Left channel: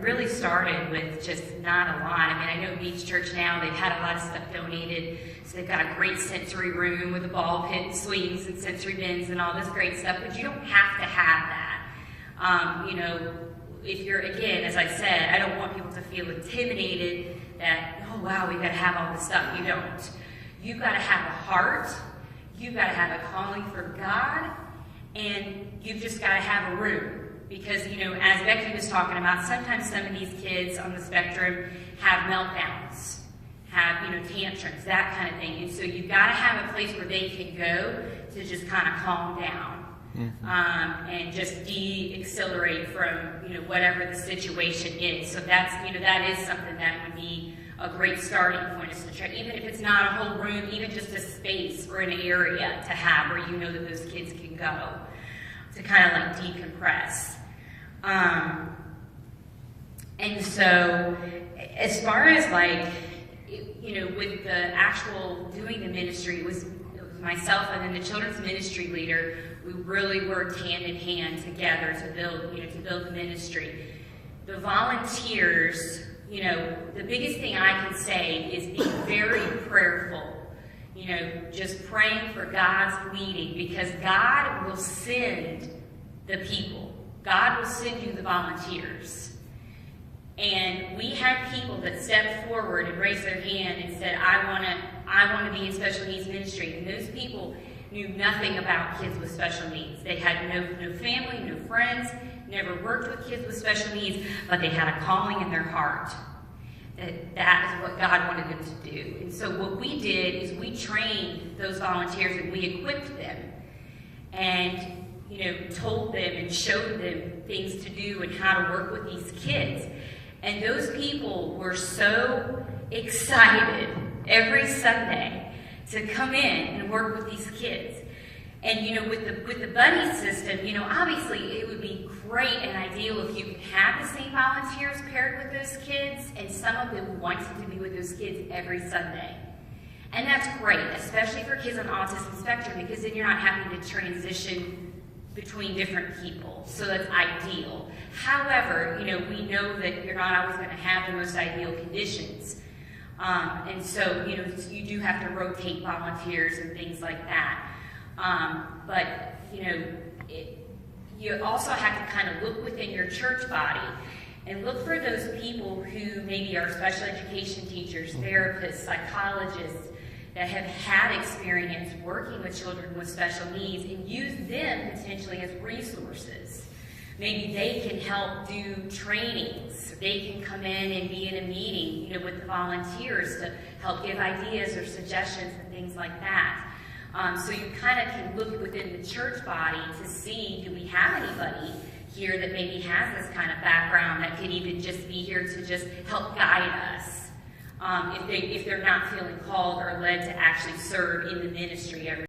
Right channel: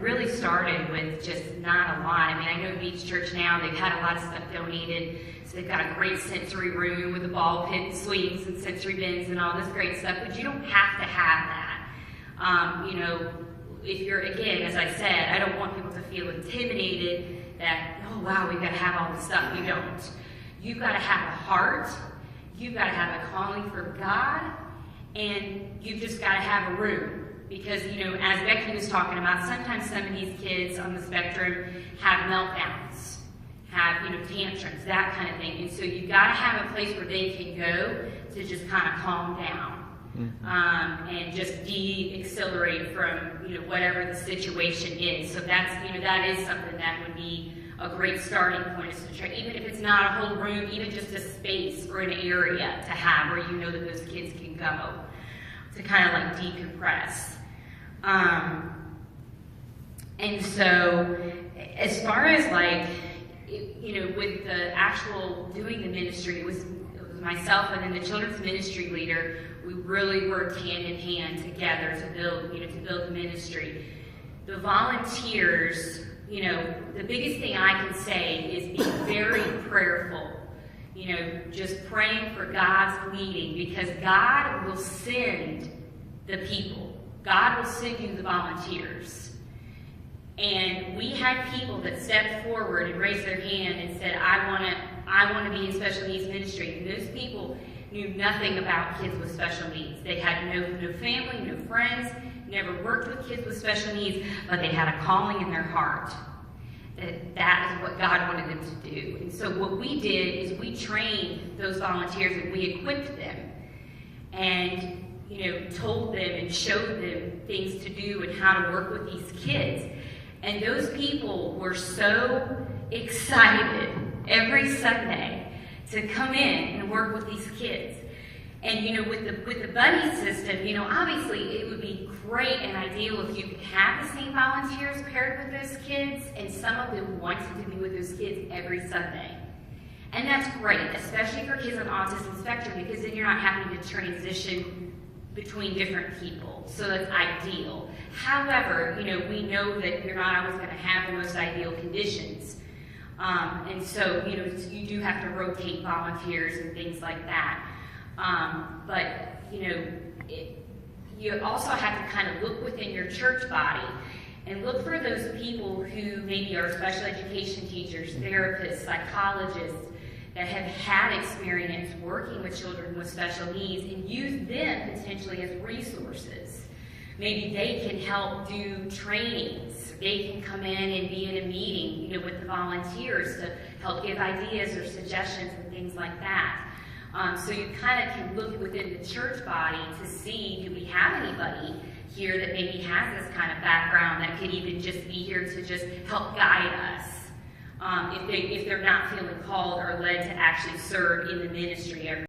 really started with just not a lot. I mean, I know Beach Church now, they've had a lot of stuff donated. So they've got a great sensory room with a ball pit and swings and sensory bins and all this great stuff, but you don't have to have that. You know, if you're, again, as I said, I don't want people to feel intimidated that, oh wow, we've got to have all this stuff. You don't. You've got to have a heart. You've got to have a calling for God, and you've just got to have a room. Because, you know, as Becky was talking about, sometimes some of these kids on the spectrum have meltdowns, have, you know, tantrums, that kind of thing. And so you've got to have a place where they can go to just kind of calm down. And just de-accelerate from, you know, whatever the situation is. So that's, you know, that is something that would be a great starting point, is to try, even if it's not a whole room, even just a space or an area to have where you know that those kids can go to kind of like decompress. And so as far as like, you know, with the actual doing the ministry, it was myself and then the children's ministry leader. We really worked hand in hand together to build, you know, to build the ministry. The volunteers, you know, the biggest thing I can say is be very prayerful. You know, just praying for God's leading, because God will send the people. God will send you the volunteers. And we had people that stepped forward and raised their hand and said, I want to be in special needs ministry. And those people knew nothing about kids with special needs. They had no family, no friends, never worked with kids with special needs, but they had a calling in their heart. That is what God wanted them to do. And so what we did is we trained those volunteers and we equipped them and, you know, told them and showed them things to do and how to work with these kids. And those people were so excited every Sunday to come in and work with these kids. And, you know, with the buddy system, you know, obviously it would be great and ideal if you could have the same volunteers paired with those kids, and some of them wanted to be with those kids every Sunday. And that's great, especially for kids on autism spectrum, because then you're not having to transition between different people. So that's ideal. However, you know, we know that you're not always going to have the most ideal conditions. And so, you know, you do have to rotate volunteers and things like that. But, you know, you also have to kind of look within your church body and look for those people who maybe are special education teachers, therapists, psychologists, that have had experience working with children with special needs, and use them potentially as resources. Maybe they can help do trainings. They can come in and be in a meeting, you know, with the volunteers to help give ideas or suggestions and things like that. So you kind of can look within the church body to see, do we have anybody here that maybe has this kind of background that could even just be here to just help guide us, if they're not feeling called or led to actually serve in the ministry every